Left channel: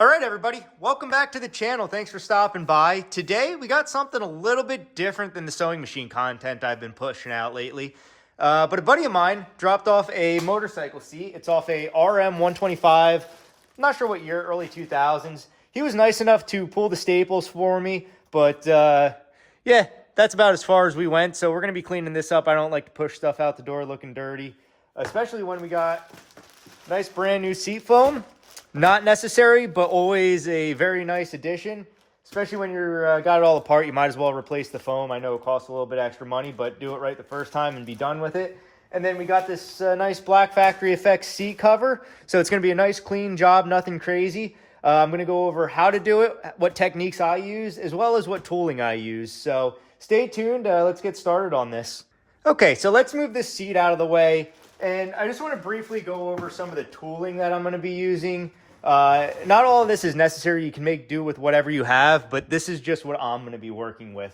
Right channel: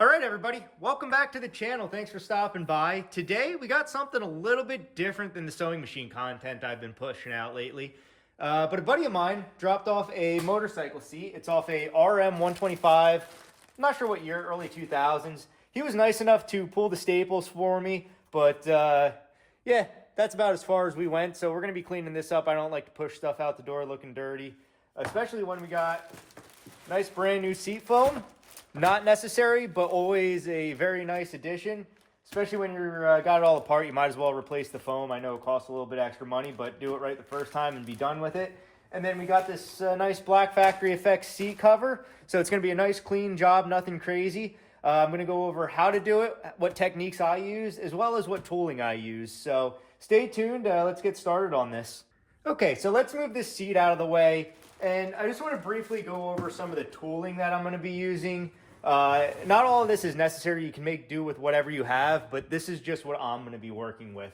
All right, everybody, welcome back to the channel. Thanks for stopping by. Today, we got something a little bit different than the sewing machine content I've been pushing out lately. But a buddy of mine dropped off a motorcycle seat. It's off a RM 125. I'm not sure what year, early 2000s. He was nice enough to pull the staples for me, but yeah, that's about as far as we went. So we're going to be cleaning this up. I don't like to push stuff out the door looking dirty, especially when we got nice brand new seat foam. Not necessary, but always a very nice addition. Especially when you're got it all apart, you might as well replace the foam. I know it costs a little bit extra money, but do it right the first time and be done with it. And then we got this nice Black Factory Effects seat cover. So it's going to be a nice clean job, nothing crazy. I'm going to go over how to do it, what techniques I use, as well as what tooling I use. So stay tuned. Let's get started on this. Okay, so let's move this seat out of the way. And I just want to briefly go over some of the tooling that I'm going to be using. Not all of this is necessary. You can make do with whatever you have, but this is just what I'm going to be working with.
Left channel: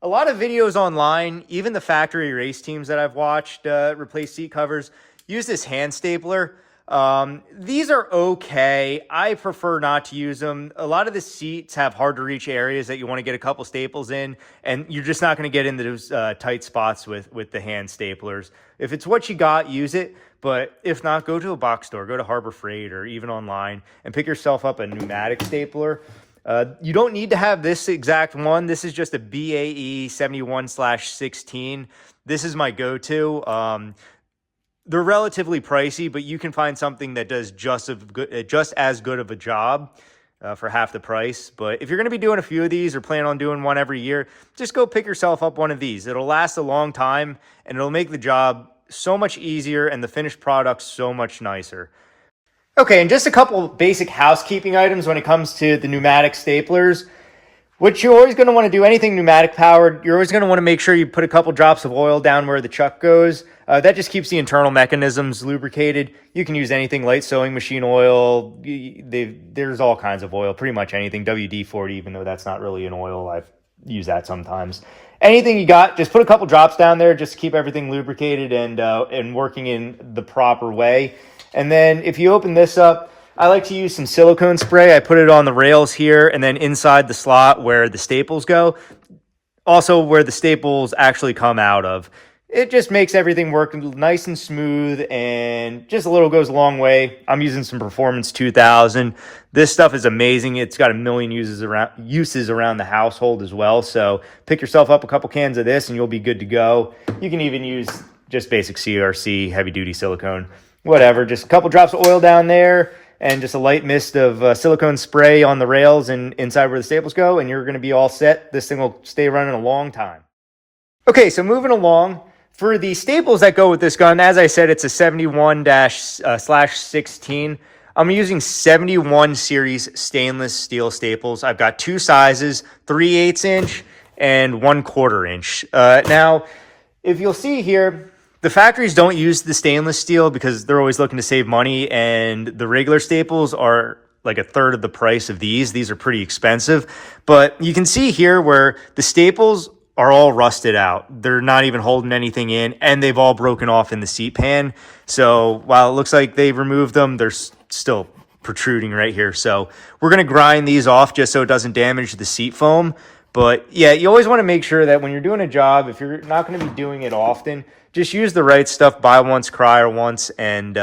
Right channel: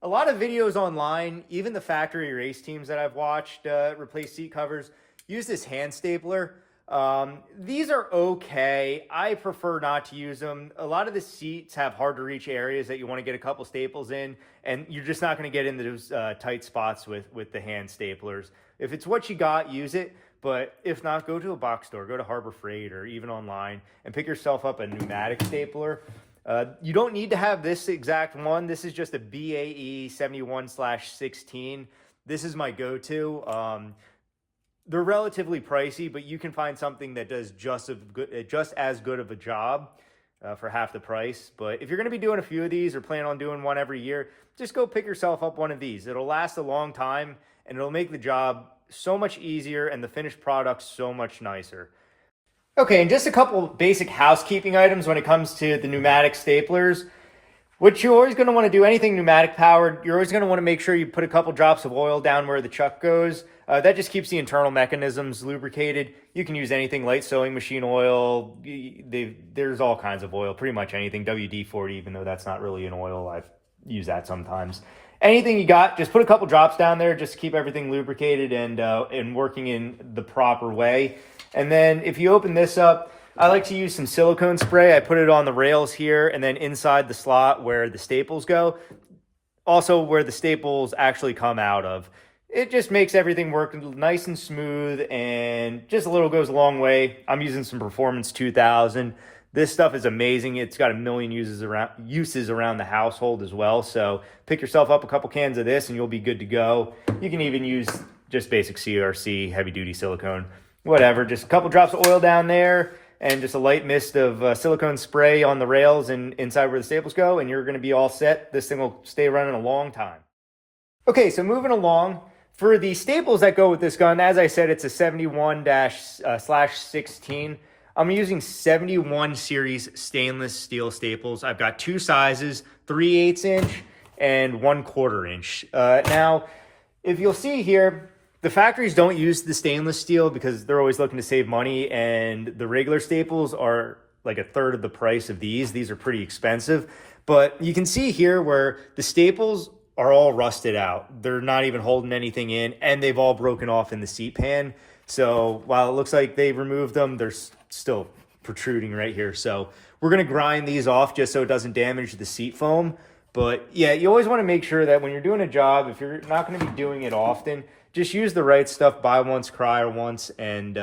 A lot of videos online, even the factory race teams that I've watched replace seat covers, use this hand stapler. These are okay. I prefer not to use them. A lot of the seats have hard to reach areas that you want to get a couple staples in, and you're just not going to get into those tight spots with the hand staplers. If it's what you got, use it. But if not, go to a box store, go to Harbor Freight or even online and pick yourself up a pneumatic stapler. You don't need to have this exact one. This is just a BAE 71/16. This is my go-to. They're relatively pricey, but you can find something that does just as good of a job for half the price. But if you're going to be doing a few of these or plan on doing one every year, just go pick yourself up one of these. It'll last a long time, and it'll make the job so much easier and the finished product so much nicer. Okay, and just a couple basic housekeeping items when it comes to the pneumatic staplers. What you're always going to want to do, anything pneumatic powered, you're always going to want to make sure you put a couple drops of oil down where the chuck goes. That just keeps the internal mechanisms lubricated. You can use anything, light sewing machine oil. There's all kinds of oil, pretty much anything. WD-40, even though that's not really an oil, I've used that sometimes. Anything you got, just put a couple drops down there just to keep everything lubricated and working in the proper way. And then if you open this up, I like to use some silicone spray. I put it on the rails here and then inside the slot where the staples go. Also where the staples actually come out of. It just makes everything work nice and smooth, and just a little goes a long way. I'm using some Performance 2000. This stuff is amazing. It's got a million uses around the household as well. So pick yourself up a couple cans of this and you'll be good to go. You can even use just basic CRC, heavy duty silicone, whatever. Just a couple drops of oil down there and just a light mist of silicone spray on the rails and inside where the staples go, and you're going to be all set. This thing will stay running a long time. Okay, so moving along. For the staples that go with this gun, as I said, it's a 71/16. I'm using 71 series stainless steel staples. I've got two sizes, 3/8 inch and 1/4 inch. Now, if you'll see here, the factories don't use the stainless steel because they're always looking to save money, and the regular staples are like a third of the price of these. These are pretty expensive, but you can see here where the staples are all rusted out. They're not even holding anything in, and they've all broken off in the seat pan. So while it looks like they've removed them, they're still protruding right here. So we're going to grind these off just so it doesn't damage the seat foam. But yeah, you always want to make sure that when you're doing a job, if you're not going to be doing it often, just use the right stuff, buy once, cry once. And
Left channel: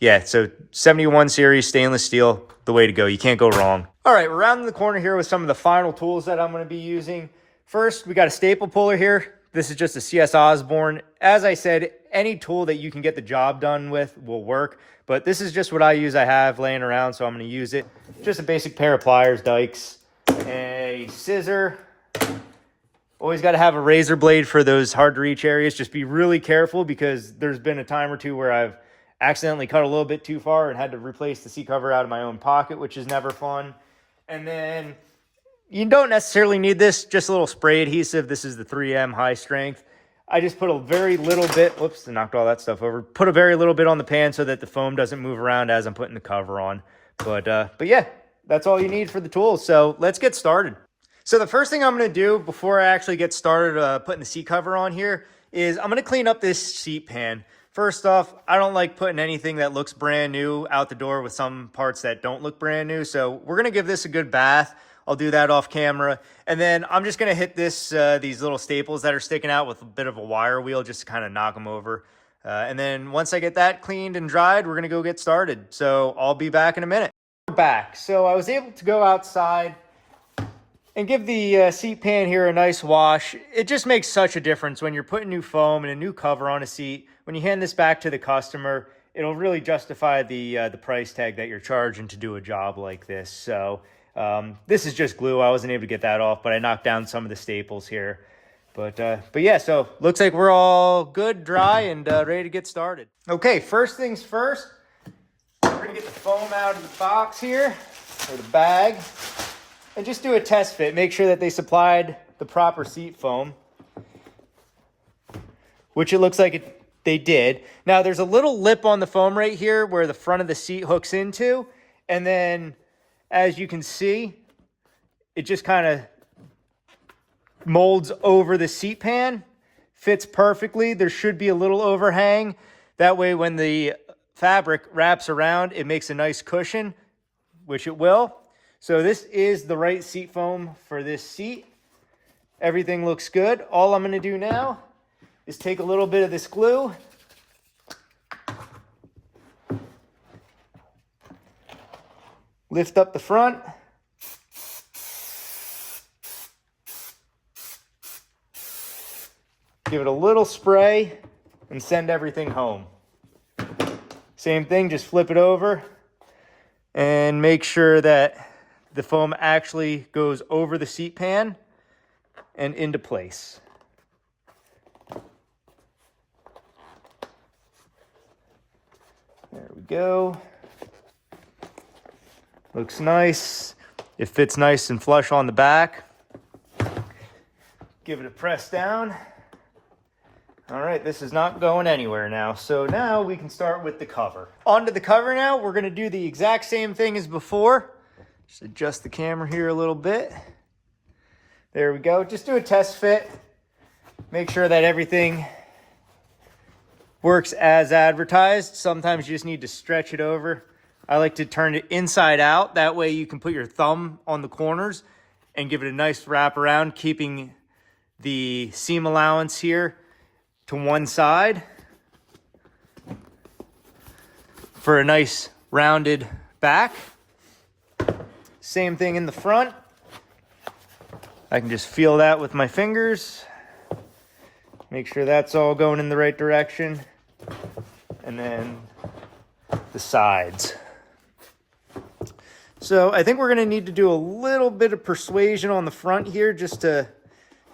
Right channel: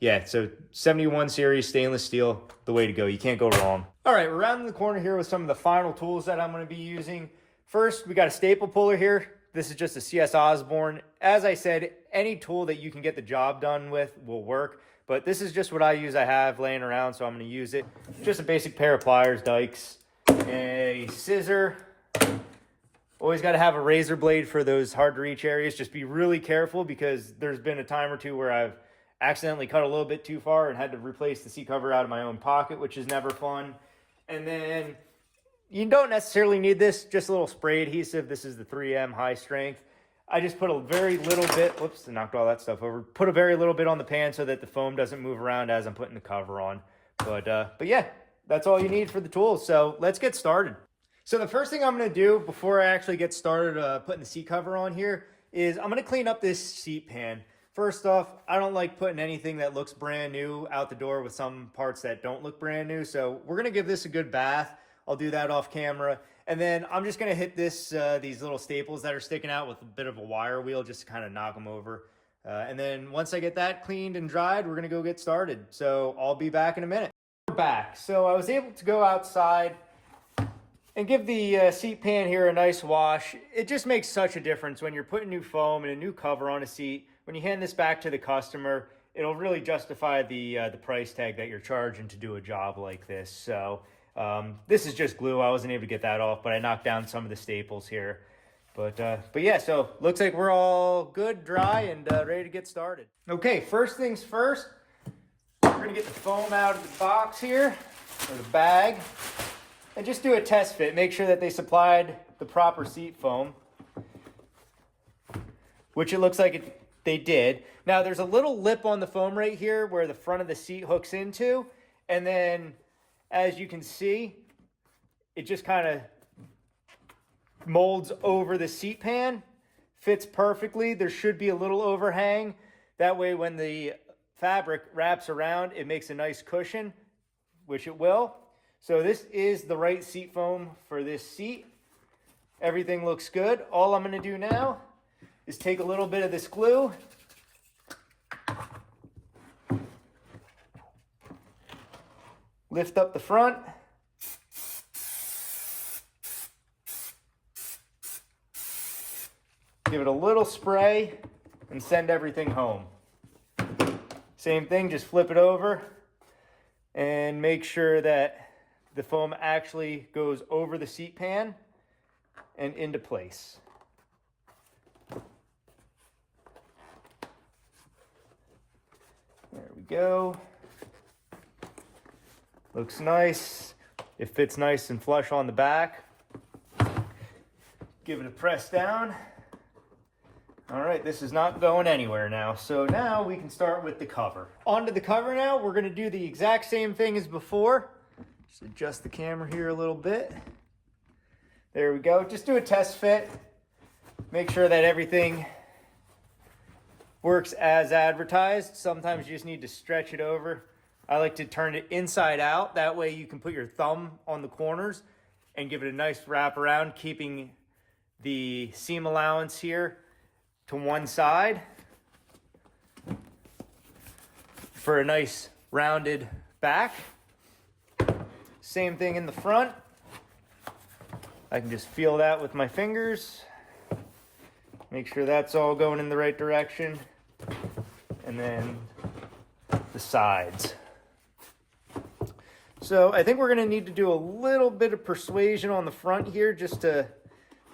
yeah, so 71 series stainless steel, the way to go. You can't go wrong. All right, we're rounding the corner here with some of the final tools that I'm going to be using. First, we got a staple puller here. This is just a CS Osborne. As I said, any tool that you can get the job done with will work, but this is just what I use. I have laying around, so I'm going to use it. Just a basic pair of pliers, dikes, a scissor. Always got to have a razor blade for those hard to reach areas. Just be really careful because there's been a time or two where I've accidentally cut a little bit too far and had to replace the seat cover out of my own pocket, which is never fun. And then you don't necessarily need this, just a little spray adhesive. This is the 3M high strength. I just put a very little bit, whoops, I knocked all that stuff over. Put a very little bit on the pan so that the foam doesn't move around as I'm putting the cover on. But yeah, that's all you need for the tools. So let's get started. So the first thing I'm going to do before I actually get started putting the seat cover on here is I'm going to clean up this seat pan. First off, I don't like putting anything that looks brand new out the door with some parts that don't look brand new. So we're gonna give this a good bath. I'll do that off camera. And then I'm just gonna hit these little staples that are sticking out with a bit of a wire wheel just to kind of knock them over. And then once I get that cleaned and dried, we're gonna go get started. So I'll be back in a minute. We're back. So I was able to go outside and give the seat pan here a nice wash. It just makes such a difference when you're putting new foam and a new cover on a seat. When you hand this back to the customer, it'll really justify the price tag that you're charging to do a job like this. So this is just glue. I wasn't able to get that off, but I knocked down some of the staples here. But yeah, so looks like we're all good, dry, and ready to get started. Okay, first things first, we're gonna get the foam out of the box here, or the bag. And just do a test fit. Make sure that they supplied the proper seat foam, which it looks like they did. Now there's a little lip on the foam right here where the front of the seat hooks into. And then as you can see, it just kind of molds over the seat pan, fits perfectly. There should be a little overhang. That way when the fabric wraps around, it makes a nice cushion, which it will. So this is the right seat foam for this seat. Everything looks good. All I'm gonna do now is take a little bit of this glue, lift up the front, give it a little spray, and send everything home. Same thing, just flip it over and make sure that the foam actually goes over the seat pan and into place. There we go. Looks nice. It fits nice and flush on the back. Give it a press down. All right, this is not going anywhere now. So now we can start with the cover. Onto the cover now. We're gonna do the exact same thing as before. Just adjust the camera here a little bit. There we go. Just do a test fit. Make sure that everything works as advertised. Sometimes you just need to stretch it over. I like to turn it inside out. That way you can put your thumb on the corners and give it a nice wrap around, keeping the seam allowance here to one side for a nice rounded back. Same thing in the front. I can just feel that with my fingers. Make sure that's all going in the right direction. And then the sides. So I think we're gonna need to do a little bit of persuasion on the front here just to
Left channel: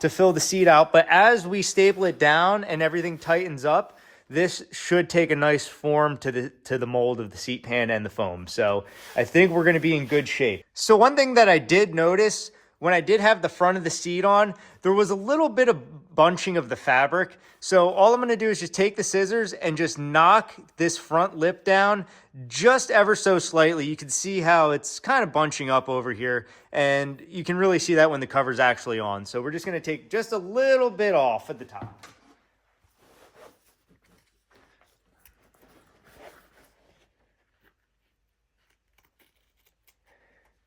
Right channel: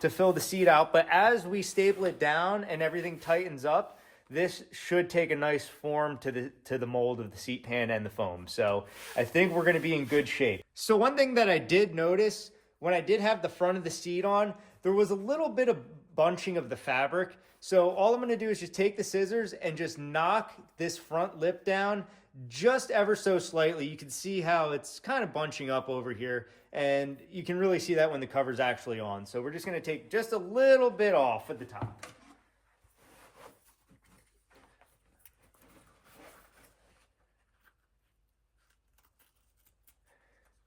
fill the seat out. But as we staple it down and everything tightens up, this should take a nice form to the mold of the seat pan and the foam. So I think we're gonna be in good shape. So one thing that I did notice when I did have the front of the seat on, there was a little bit of bunching of the fabric. So all I'm gonna do is just take the scissors and just knock this front lip down just ever so slightly. You can see how it's kind of bunching up over here, and you can really see that when the cover's actually on. So we're just gonna take just a little bit off at the top.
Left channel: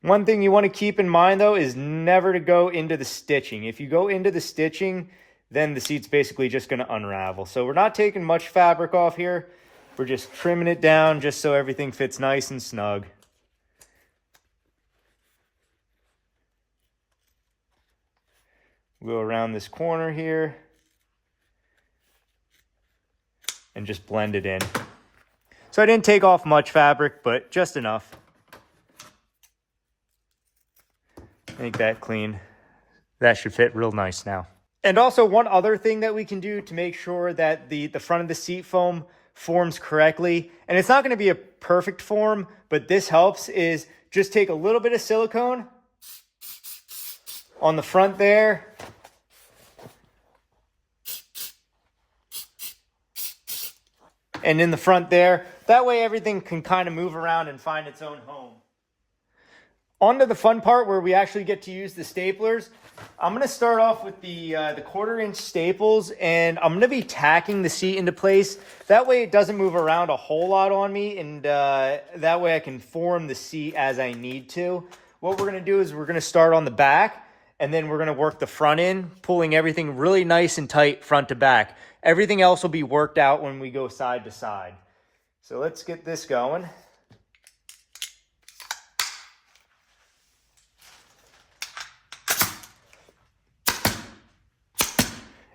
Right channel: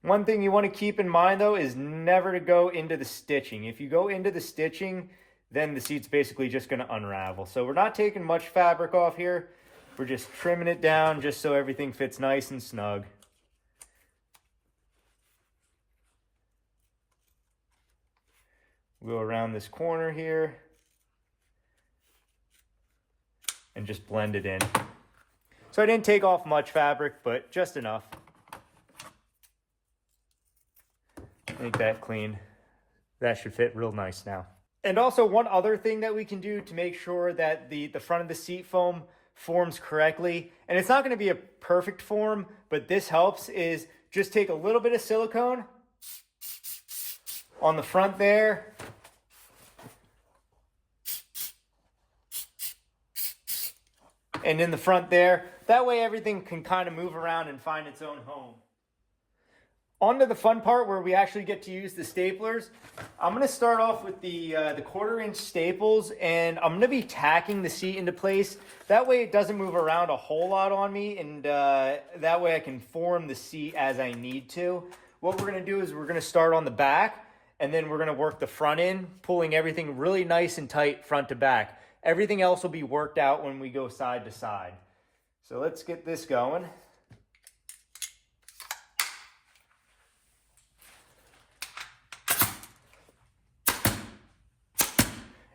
One thing you want to keep in mind though is never to go into the stitching. If you go into the stitching, then the seat's basically just going to unravel. So we're not taking much fabric off here. We're just trimming it down just so everything fits nice and snug. We'll go around this corner here and just blend it in. So I didn't take off much fabric, but just enough. Make that clean. That should fit real nice now. And also one other thing that we can do to make sure that the front of the seat foam forms correctly, and it's not going to be a perfect form, but this helps, is just take a little bit of silicone on the front there. And in the front there. That way everything can kind of move around and find its own home. On to the fun part where we actually get to use the staplers. I'm going to start off with the 1/4-inch staples, and I'm going to be tacking the seat into place. That way it doesn't move around a whole lot on me, and that way I can form the seat as I need to. What we're going to do is we're going to start on the back, and then we're going to work the front in, pulling everything really nice and tight front to back. Everything else will be worked out when we go side to side. So let's get this going.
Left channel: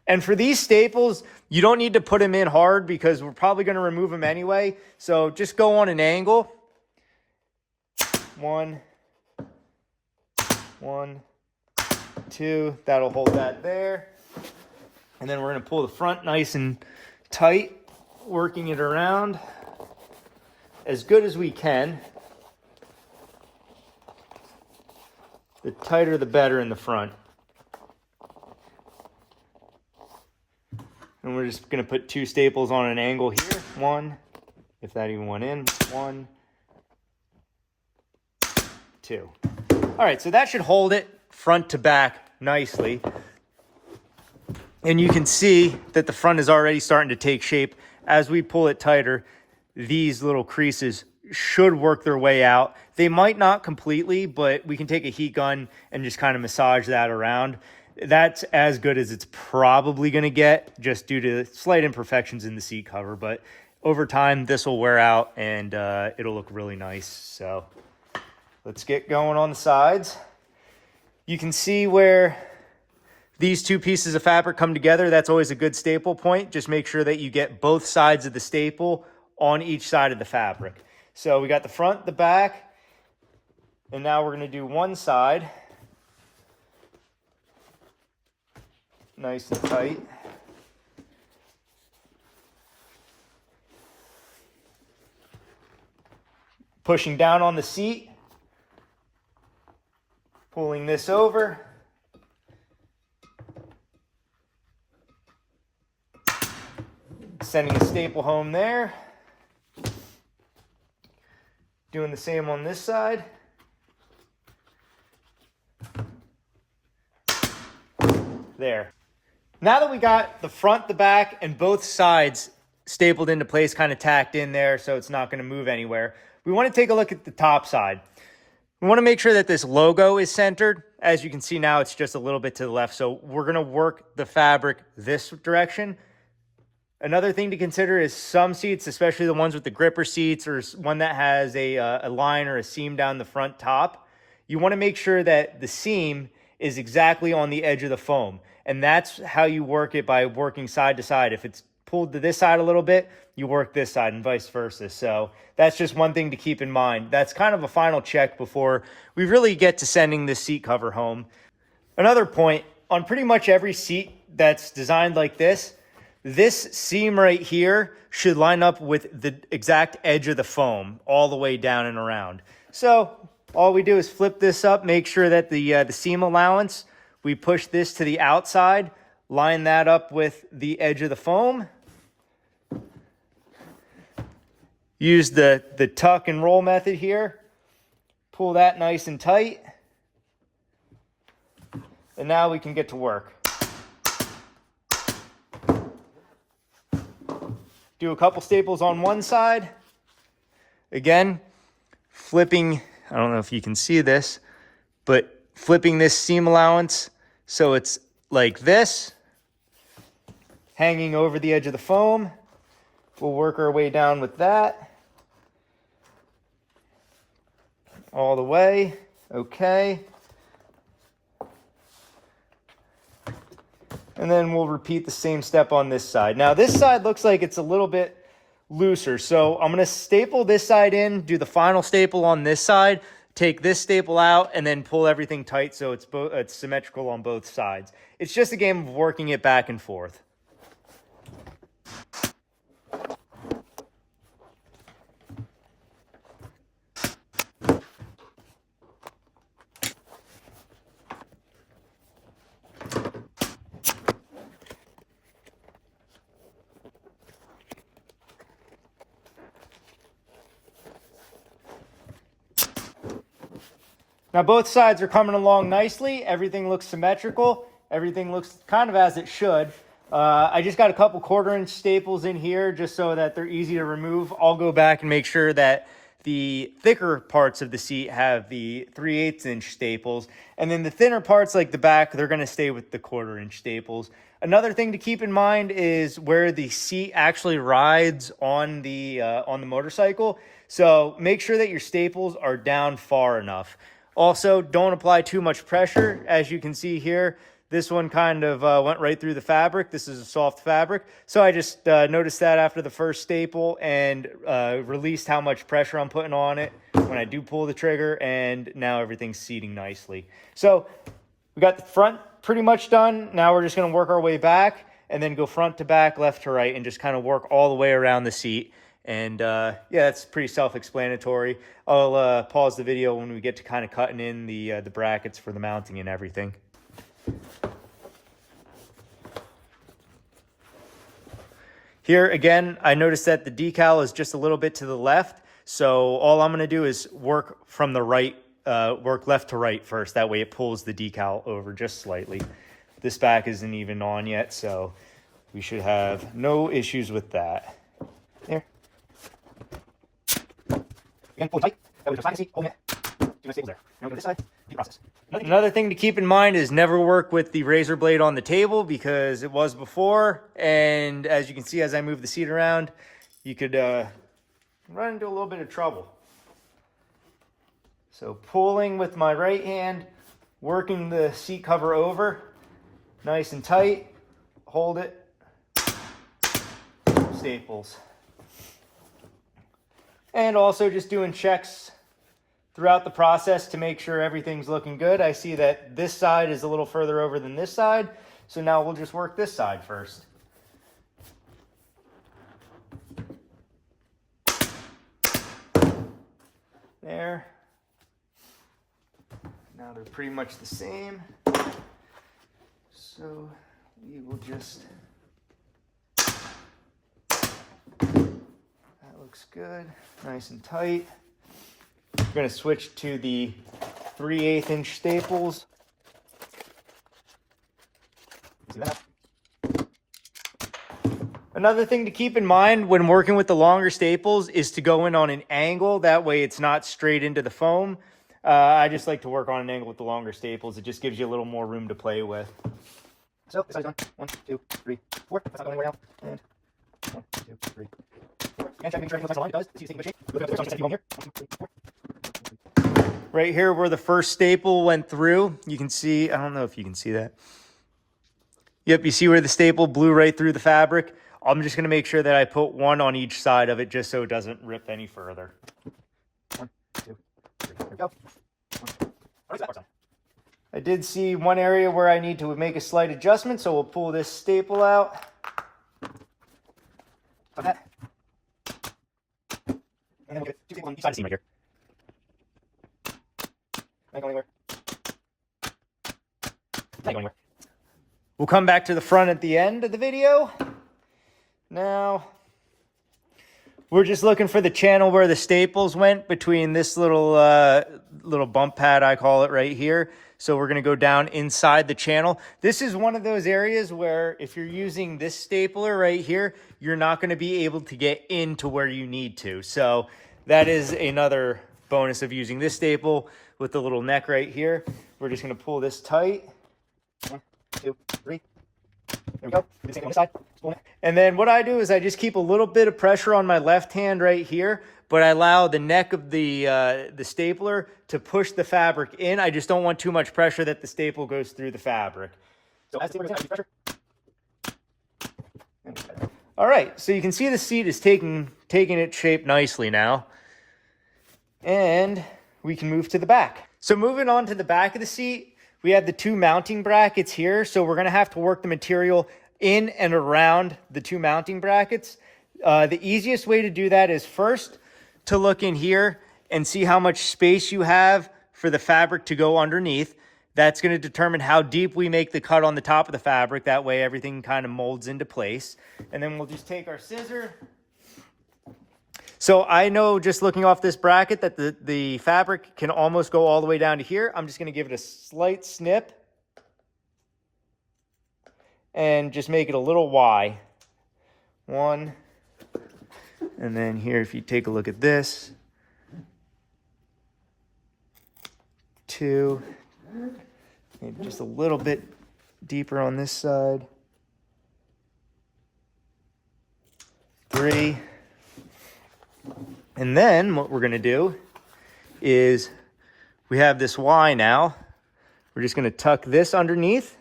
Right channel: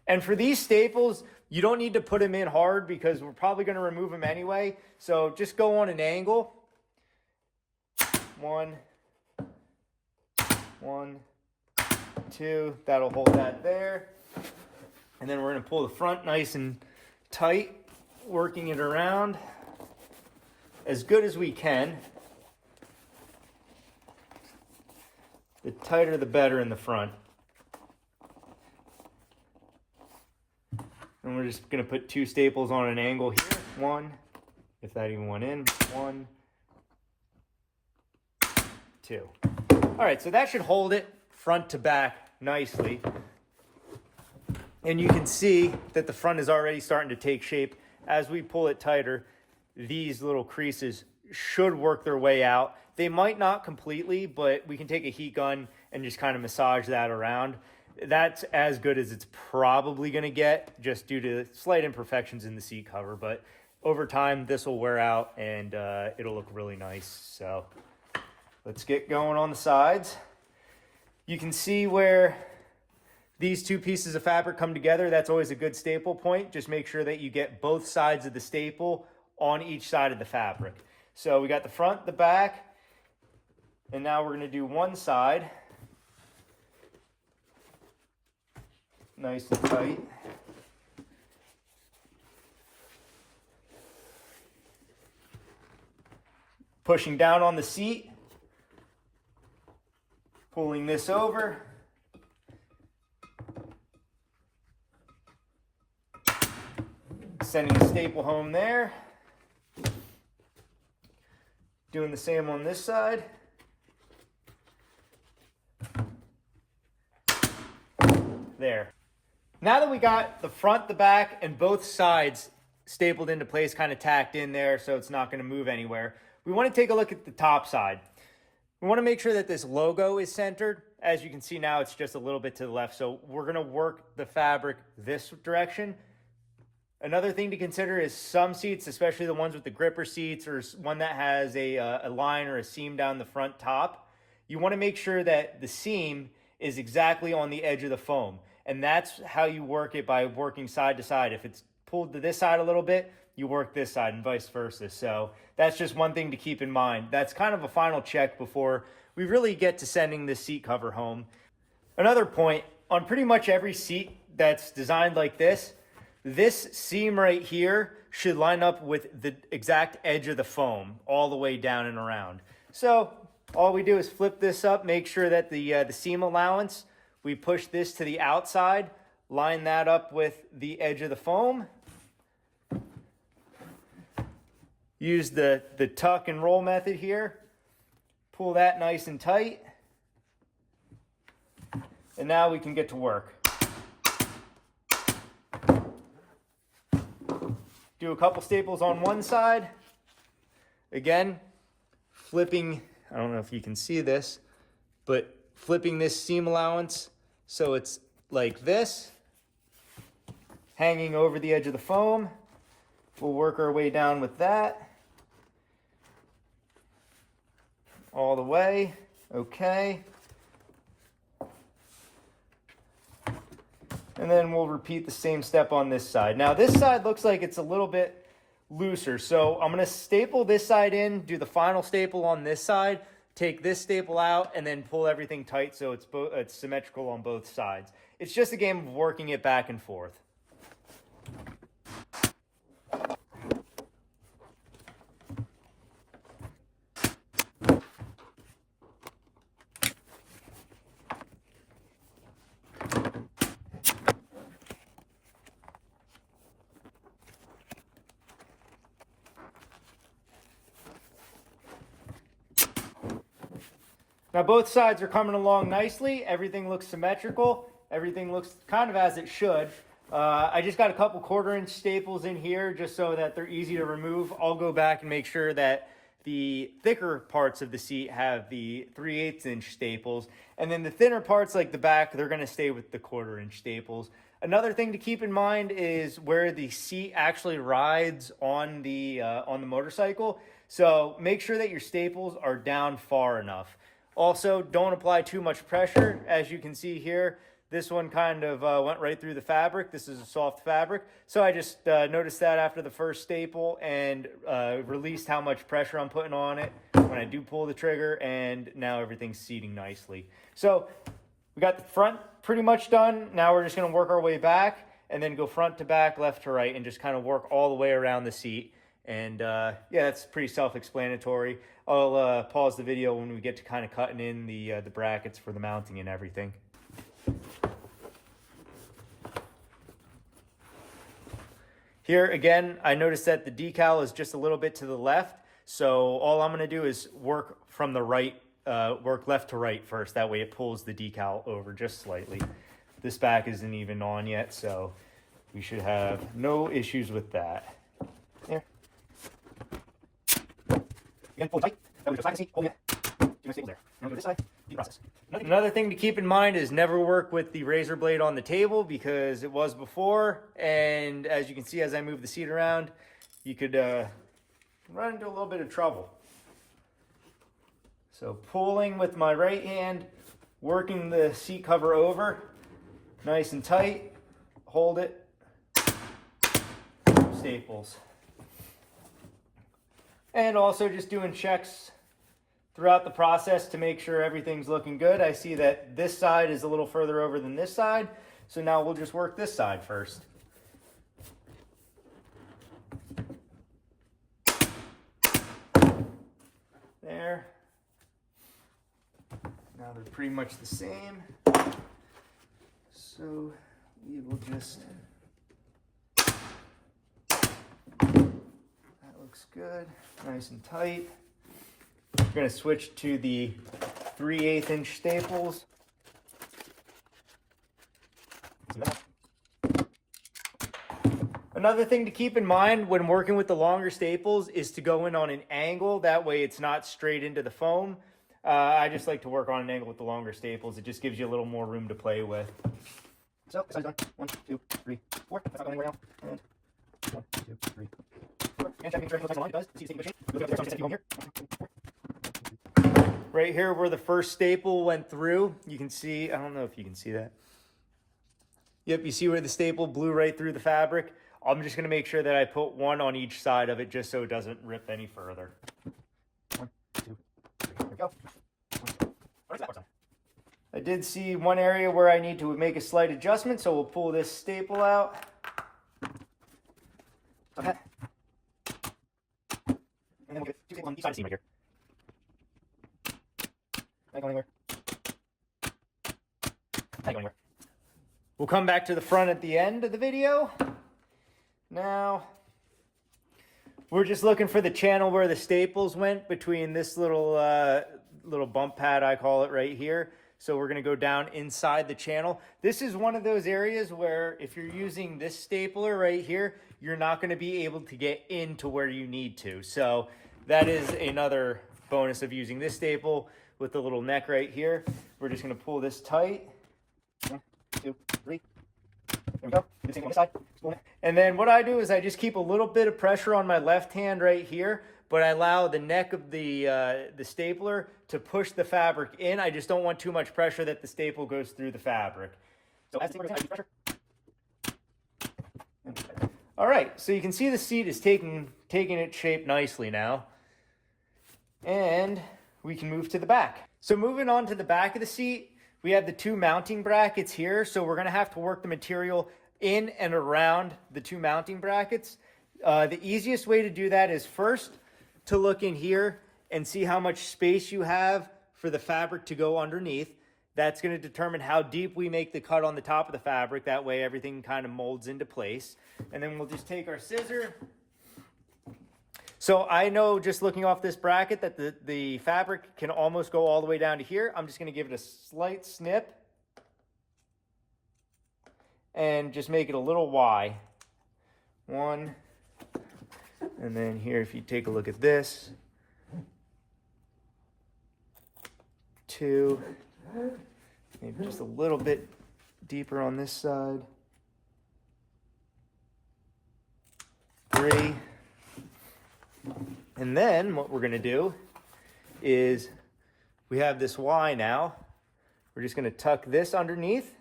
And for these staples, you don't need to put them in hard because we're probably going to remove them anyway. So just go on an angle. 1, 1, 2. That'll hold that there. And then we're going to pull the front nice and tight, working it around as good as we can. The tighter the better in the front. And we're just going to put 2 staples on an angle here. 1, if that even went in. 1, 2. All right, so that should hold it front to back nicely. And you can see that the front is already starting to take shape. As we pull it tighter, these little creases should work their way out. They might not completely, but we can take a heat gun and just kind of massage that around. That's as good as it's probably going to get, just due to slight imperfections in the seat cover. But over time, this will wear out and it'll look really nice. So let's get going on the sides. You can see where these 2 pieces of fabric come together. That's always a good staple point. Just make sure that you get both sides of the staple on each side of the fabric. So we got the front, the back, and now we're going to do one side. Nice and tight. Pushing down on the seat. Pulling this over. Sending the staple home there. Doing the same on this side. There. Now that we got the front, the back, and both sides stapled into place, kind of tacked in there so it's not going to move anywhere, we want to take a look at the top side. We want to make sure that this logo is centered. As you can see now, it's just a little bit to the left, so we're going to work the fabric this direction. Another thing to consider is some seats, especially the ones with the gripper seats or one that has a line or a seam down the front top, you want to make sure that the seam is exactly on the edge of the foam. And that's how you work it, by working side to side. If it's pulled to this side a little bit, you work this side and vice versa. So that's just one thing to keep in mind. That's kind of a final check before we really get to sending this seat cover home. Another point, on pretty much every seat that's designed like this seam right here should line up with the exact edge of the foam all the way down and around. So all we do is flip this up, make sure that the seam allowance, we push this to the outside, line that up with the edge of the foam. Use the tuck and roll method here. Pull that nice and tight. And now we can get to work. Do a couple staples on one side. Again, flipping, I don't know if you can see this, but flipping this seam allowance so it's like this, hanging over the edge of the foam. We'll work our way down with that. All the way, okay. And then we'll repeat the same step on this side. Now this side looks like it's a little bit looser, so I'm gonna staple this side in, do the final staple on this side, take this staple out, and then pull everything tight so it's symmetrical on both sides. It's just a game of working it back and forth. Now both sides are coming along nicely. Everything looks symmetrical. Everything looks kind of as it should. I just got a couple 1/4-inch staples in here just so that they're easy to remove. I'll go back and make sure that the thicker parts of the seat have the 3/8-inch staples, and then the thinner parts like the back, they're going to stay with the 1/4-inch staples. Another thing to keep in mind is where the seat actually rides on the motorcycle. So make sure that your staples are down far enough. Also, don't apply too much pressure. As you can see here, this one kind of went right through the fabric. This is a soft fabric. So I just noticed that after the first staple and released how much pressure I'm putting on it when I do pull the trigger, and now everything's seating nicely. So we got the front pretty much done. Now we're just gonna work our way back and then go front to back, left to right, and just kind of work all the way around the seat. And yeah, that's pretty self-explanatory. I'll pause the video when we get to kind of cutting in the brackets for the mounting and everything. Here again, I noticed that the decal is just a little bit to the left. So all I'm gonna do is work from the right, work left to right first. That way it pulls the decal over just slightly. This back isn't even on yet, so we should have no issues with that. There. Again, pull tight. That way there's holding it. Keep my staples there. Now we go to this side. Keep process. Another thing to keep in mind is never work with the razor blade on the table because it was before. And as you can see, as I move the seat around, you could run into a little bit of trouble. So pulling with my right hand, working the seat cover over, nice and tight, hold it, staples. And also just doing checks throughout the process to make sure everything's looking good. I see that this side is a little further over than this side, so now we'll just work this side first. There. Now they're pretty much the same. So we will just, that looks good, nice and tight. We're going to switch to the 3/8-inch staples. Another thing to keep in mind when working with the longer staples is to go in on an angle. That way it's not straight into the foam. I just like to work on an angle with the longer staples. It just gives you a little more room to play with. So this side's done. 1, 2, 3, 4. That's not going anywhere now. And 1, 2, 3, 4. And checking sure everything's nice and aligned. It does. See, it's taking good shape. Look at the other here. 1, 2, 3, 4. Right here where the first staple went through, you can see, I don't know if you can see that. Yep, you see where the staple blew right through the fabric? I'm just gonna make sure that I put one on each side of it just so it doesn't rip any further. 1, 2, 3, there we go. I did see one area where I need to make a slight adjustment, so we'll pull this staple out. Like that. And then we'll get 2 staples on each side of the seam right here. Not going anywhere. Not going anywhere. We'll come back to the front at the end of the video. Now, we're just looking for the channel where the staples went between this little little bump pad, I call it, right here. So we're going to go down inside the channel. This is one of those areas where if you're using this stapler right here, you're not going to be able to get into where you need to. So that is another bonus of using this staple with the little neck right here. We're just going to pull this tight. 1, 2, 3. There we go. Do the same on this side. And then what I do is I just keep a little bit of pressure on my left hand right here, but I allow the neck of the stapler to push the fabric in. I just don't want too much pressure that the staple goes through the fabric. So as the stapler goes in, pressure. All right, so you can see the seat is taking its shape nicely now. And we can move to the back. So moving on to the back of the seat, we have the 2 mounting brackets here. So we're gonna have to work the material in and around the 2 mounting brackets. The easiest way to do that is first to look in here and see how much space you have for the fabric to go underneath. That's gonna determine how deep we make the cut on the top of the fabric. That way everything kind of molds into place. And then we'll just take our scissor So I know just looking off this bracket that the fabric can almost go all the way down to here. I'm just going to give it a slight snip and just make it a little Y. One. And then here, if you take a look at this, two, maybe just a little bit deeper on this side, three. And then what we're going to do is we have this Y now. We're just going to tuck this underneath.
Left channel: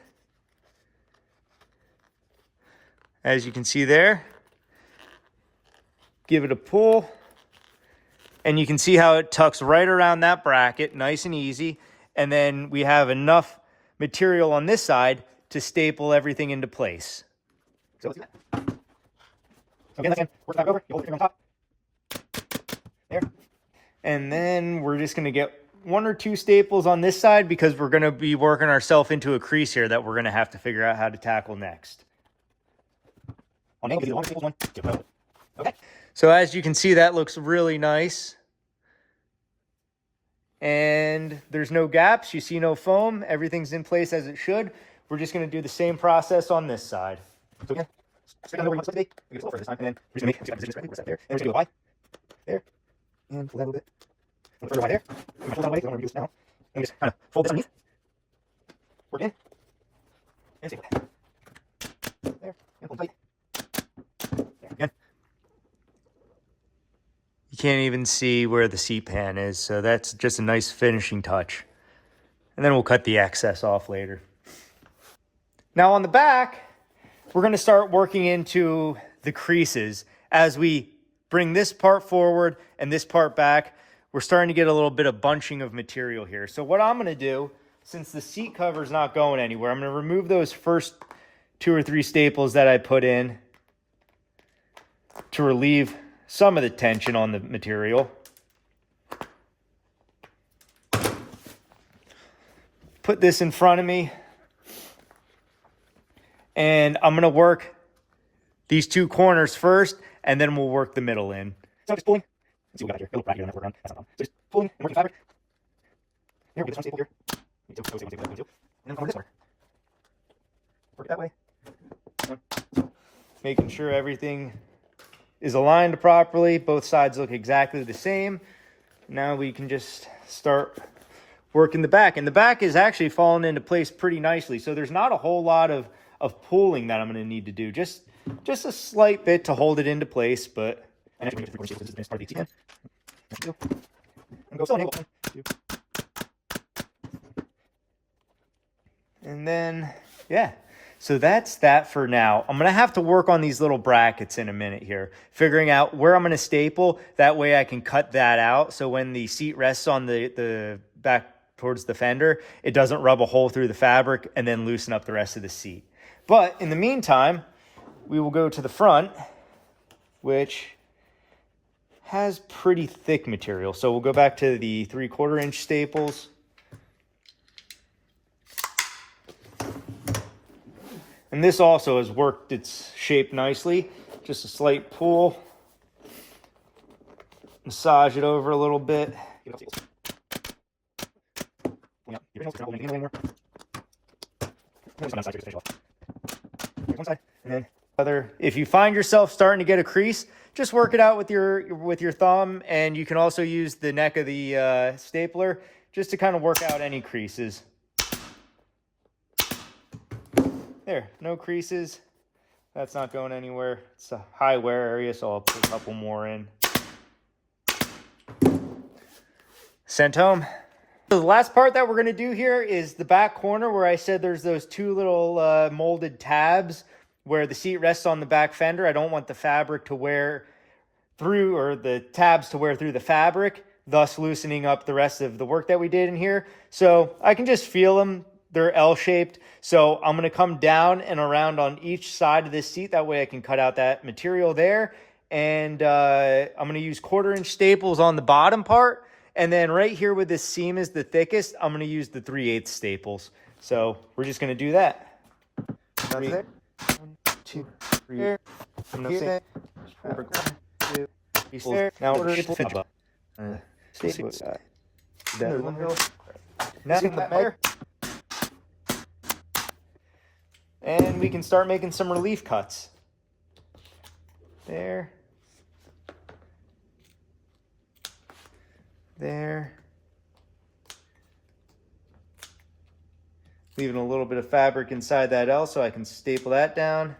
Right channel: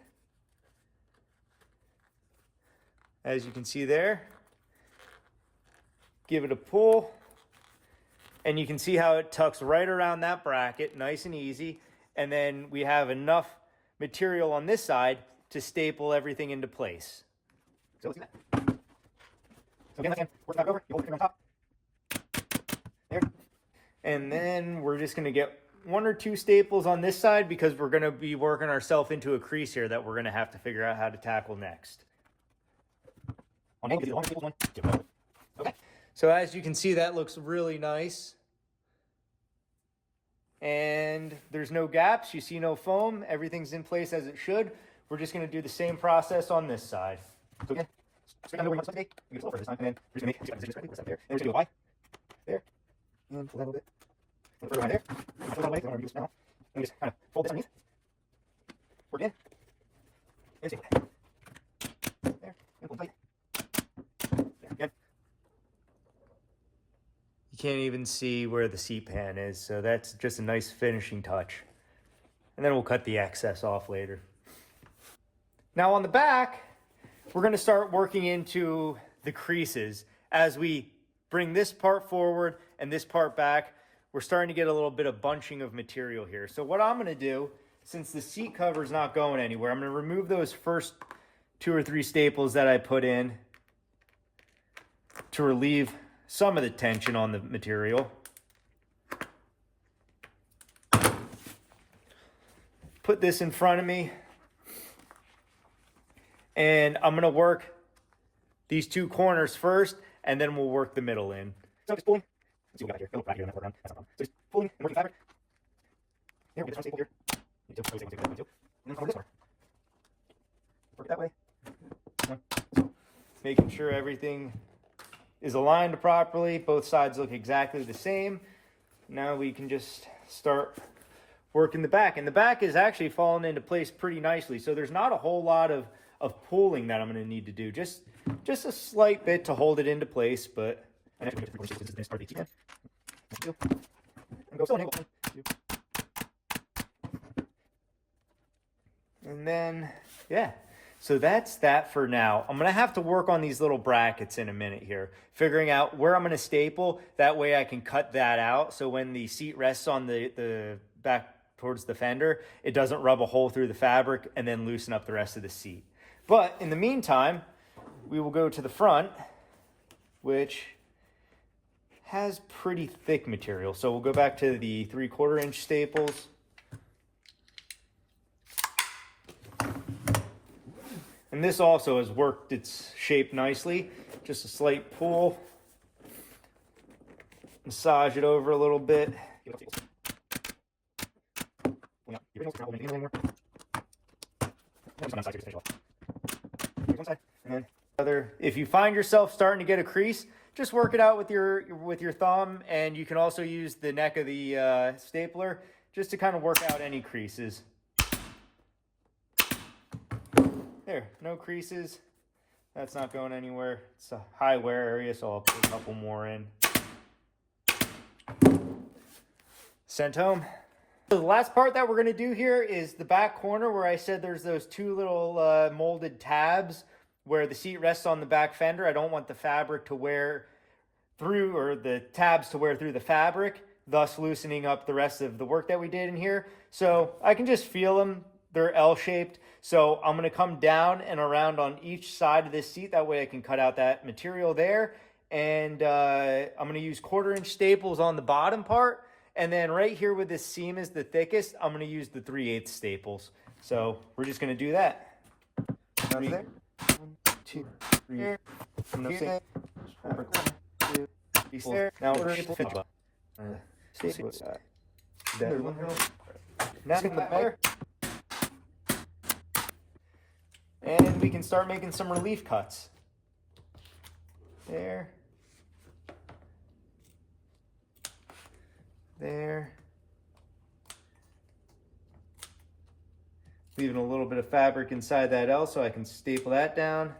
As you can see there, give it a pull, and you can see how it tucks right around that bracket, nice and easy. And then we have enough material on this side to staple everything into place. So let's do that. So again, work that over, you hold it on top. There. And then we're just gonna get 1 or 2 staples on this side because we're gonna be working ourselves into a crease here that we're gonna have to figure out how to tackle next. Okay. So as you can see, that looks really nice. And there's no gaps, you see no foam, everything's in place as it should. We're just gonna do the same process on this side. So again, straight down where you want it to be. We get a little further this time, and then we're just gonna make positions right. What's that there? And we're just gonna go Y. There. And pull that a little bit. A little further Y there. We're gonna pull that away, because I don't want to do this now. And we just kind of fold this underneath. Work in. And staple that. There. And pull tight. There, again. You can't even see where the seat pan is, so that's just a nice finishing touch. And then we'll cut the excess off later. Now on the back, we're gonna start working into the creases. As we bring this part forward and this part back, we're starting to get a little bit of bunching of material here. So what I'm gonna do, since the seat cover is not going anywhere, I'm gonna remove those first 2 or 3 staples that I put in to relieve some of the tension on the material. Put this in front of me, and I'm gonna work these 2 corners first, and then we'll work the middle in. So just pulling. Let's see what we got here. It'll look bracket on that work around. That's not wrong. So just pulling and working fabric. There we get this one staple here. And then over this one. Work it that way. Making sure everything is aligned properly. Both sides look exactly the same. Now we can just start working the back. And the back is actually falling into place pretty nicely. So there's not a whole lot of pulling that I'm going to need to do. Just a slight bit to hold it into place, but and actually make it 3/4 inches. This is going to start the again. And go still. And then, yeah. So that's that for now. I'm gonna have to work on these little brackets in a minute here, figuring out where I'm gonna staple. That way I can cut that out. So when the seat rests on the back towards the fender, it doesn't rub a hole through the fabric and then loosen up the rest of the seat. But in the meantime, we will go to the front, which has pretty thick material. So we'll go back to the 3/4 inch staples. And this also has worked its shape nicely. Just a slight pull. Massage it over a little bit. If you find yourself starting to get a crease, just work it out with your thumb, and you can also use the neck of the stapler just to kind of work out any creases. There, no creases. That's not going anywhere. It's a high wear area, so I'll put a couple more in. Sent home. So the last part that we're gonna do here is the back corner where I said there's those 2 little molded tabs where the seat rests on the back fender. I don't want the fabric to wear through, or the tabs to wear through the fabric, thus loosening up the rest of the work that we did in here. So I can just feel them. They're L-shaped, so I'm gonna come down and around on each side of this seat. That way I can cut out that material there. And I'm gonna use 1/4 inch staples on the bottom part. And then right here where this seam is the thickest, I'm gonna use the 3/8 staples. So we're just gonna do that. 3, 1, 2, 3, 4, 2, there. Now we're going to finish up. Staple side. Now get that there. And we can start making some relief cuts. There. There. Leaving a little bit of fabric inside that L so I can staple that down.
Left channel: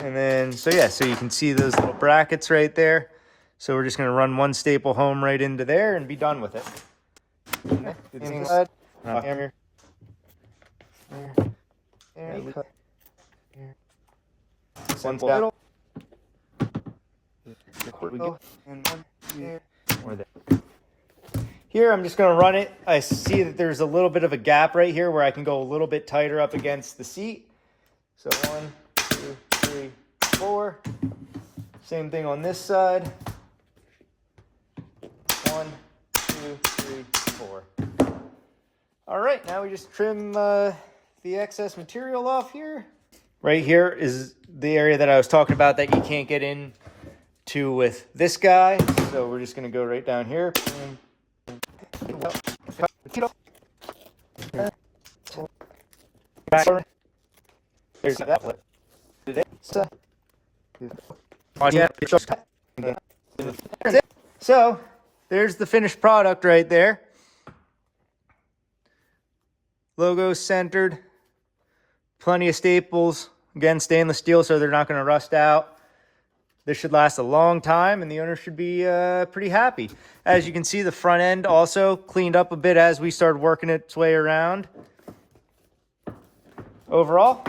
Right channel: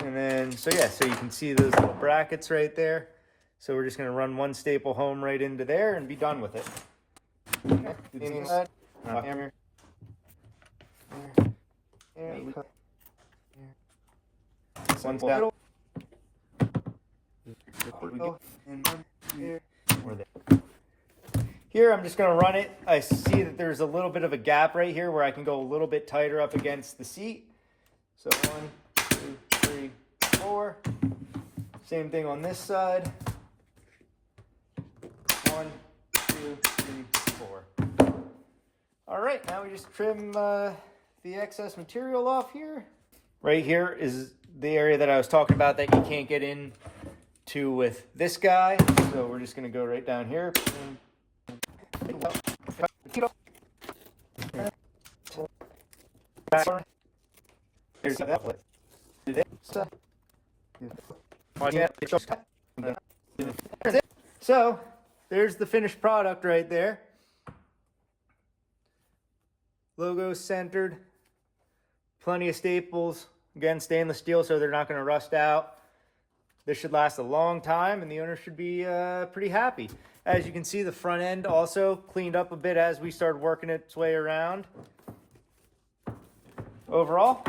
And then, so yeah, so you can see those little brackets right there. So we're just gonna run one staple home right into there and be done with it. Okay. Inside. Here. There. One's down. And one here. Or there. Here, I'm just going to run it. I see that there's a little bit of a gap right here where I can go a little bit tighter up against the seat. So 1, 2, 3, 4. Same thing on this side. 1, 2, 3, 4. All right, now we just trim the excess material off here. Right here is the area that I was talking about that you can't get into with this guy. So we're just going to go right down here. So there's the finished product right there. Logo centered. Plenty of staples. Again, stainless steel, so they're not going to rust out. This should last a long time, and the owner should be pretty happy. As you can see, the front end also cleaned up a bit as we started working its way around. Overall,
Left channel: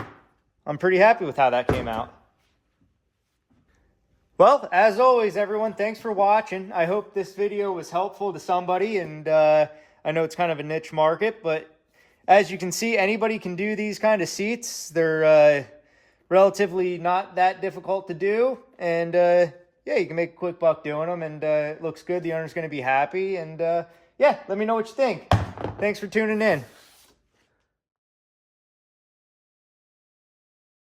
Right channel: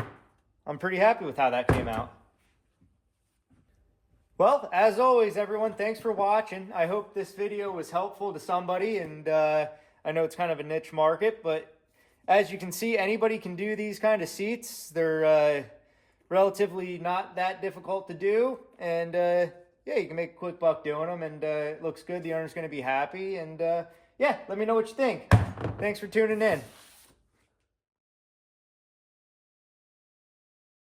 I'm pretty happy with how that came out. Well, as always, everyone, thanks for watching. I hope this video was helpful to somebody, and I know it's kind of a niche market, but as you can see, anybody can do these kind of seats. They're relatively not that difficult to do, and yeah, you can make a quick buck doing them, and it looks good. The owner's going to be happy, and yeah, let me know what you think. Thanks for tuning in.